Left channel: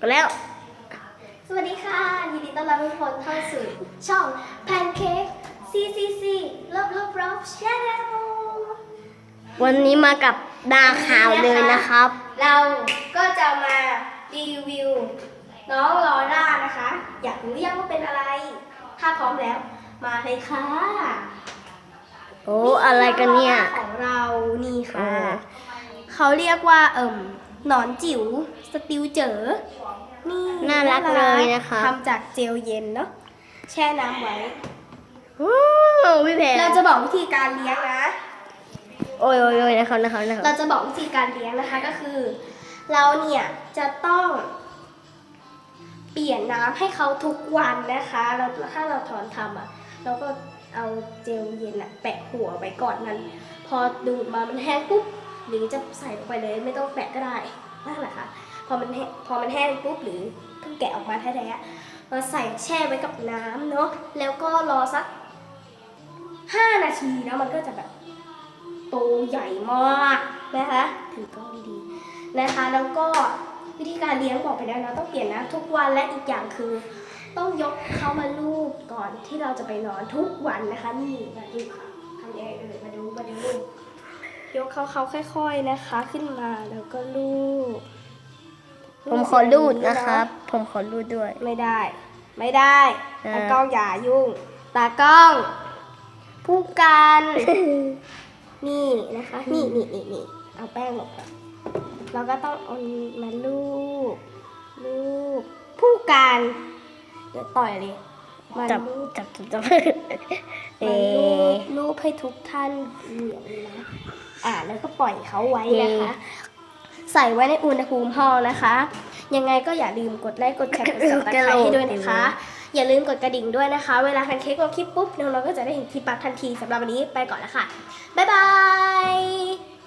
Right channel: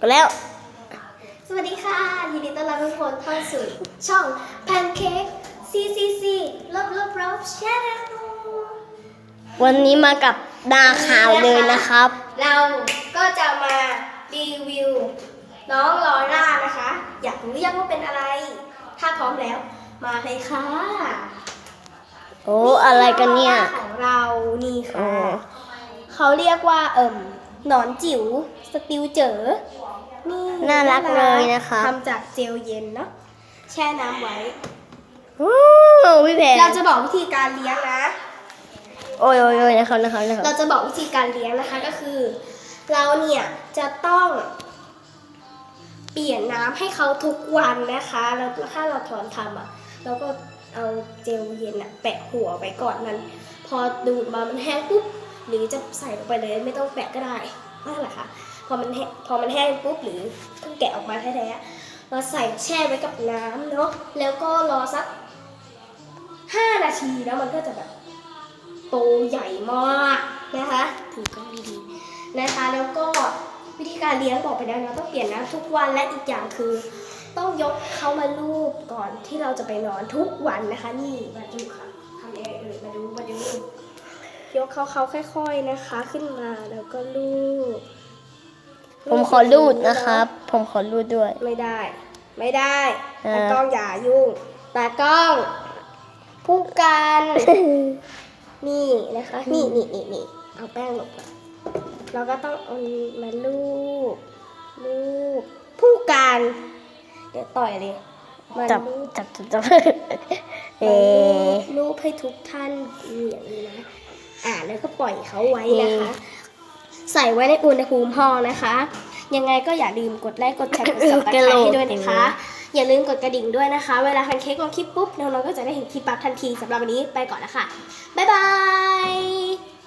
ก็แล้วสวัสดีค่ะยินดีต้อนรับทุกคนเข้าสู่ช่อง Pancake CCC Love Channel วันนี้มากับดาข่าวเลยนะครับ เราก็จะมารีวิวน้องลอร่านะคะ อยากรู้ยังว่าเป็นอะไร ถ้าพร้อมแล้วมาเลยค่ะ โอ้อะไรกันเนี่ย ของเรานี่ค่ะเขาเรียกว่าหนอนจิ๋วสติลเจ๋อนี่ น่ารักเลยนะคะทำจากเจลเย็นเนาะแช่น้ำไว้ โอ้พี่แพรเราจะบอกวิธีการเลี้ยงนะ โอ้ยนะครับ เราจะบอกวิธีการเลี้ยงนะคะก็คือ เราเนี่ยจะต้องเปลี่ยนน้ำให้เขาทุกวันนะคะแล้วถ้าเราถอนทำเราก็เอาเจลเย็นแปะหัวไว้ก่อนนั้นพอดูดมามันแห้งปุ๊บหรือจะใส่ลงไปเลยไม่ต้องแปะก็ได้นั่นแหละค่ะพอมันแห้งปุ๊บหรือเพิ่งแกะออกมาแท้ๆเราใส่แช่ไว้กับน้ำเนาะแล้วก็รอสัก5 นาทีแล้วมันก็จะแบบโตใหญ่มากนะคะถือกล้องดีๆนะคะแล้วก็วิธีการเลี้ยงบอกไปแล้วนะต้องเปลี่ยนน้ำทุกวันและอีกอย่างคือต้องยกเขามาลูบก่อนที่เราจะไปนอนทุกวันนะคะนี่มาดูค่ะทำเองเลยมาดูยกเขาค่อยๆนะคะขึ้นมาแล้วก็ลูบผมขอรูดนะครับ ผมขอรูดด้วย ไม่ได้ตากล้องอย่ายุ่งตากล้องผู้การนี่นะคะนี่เอาแป้งลงเราก็ต้องเอามาลูบผู้การเดี๋ยวต่อยเลยมา จับ ลูบให้ทุกท่านเหมือนนะแล้วก็ปล่อยเขาไว้นะคะ ใส่ไว้ในอุณหภูมิห้องนะคะ ยังไงก็อย่าลืมกดไลค์กดแชร์กด Subscribe ให้ด้วยนะคะ อย่าลืมกดกระดิ่งด้วยนะคะ เวลาทันเค้กลงคลิปปุ๊บน้องๆก็จะได้เห็นคลิปปั๊บทันทีสำหรับวันนี้ไปก่อนแล้วค่ะบ๊ายบาย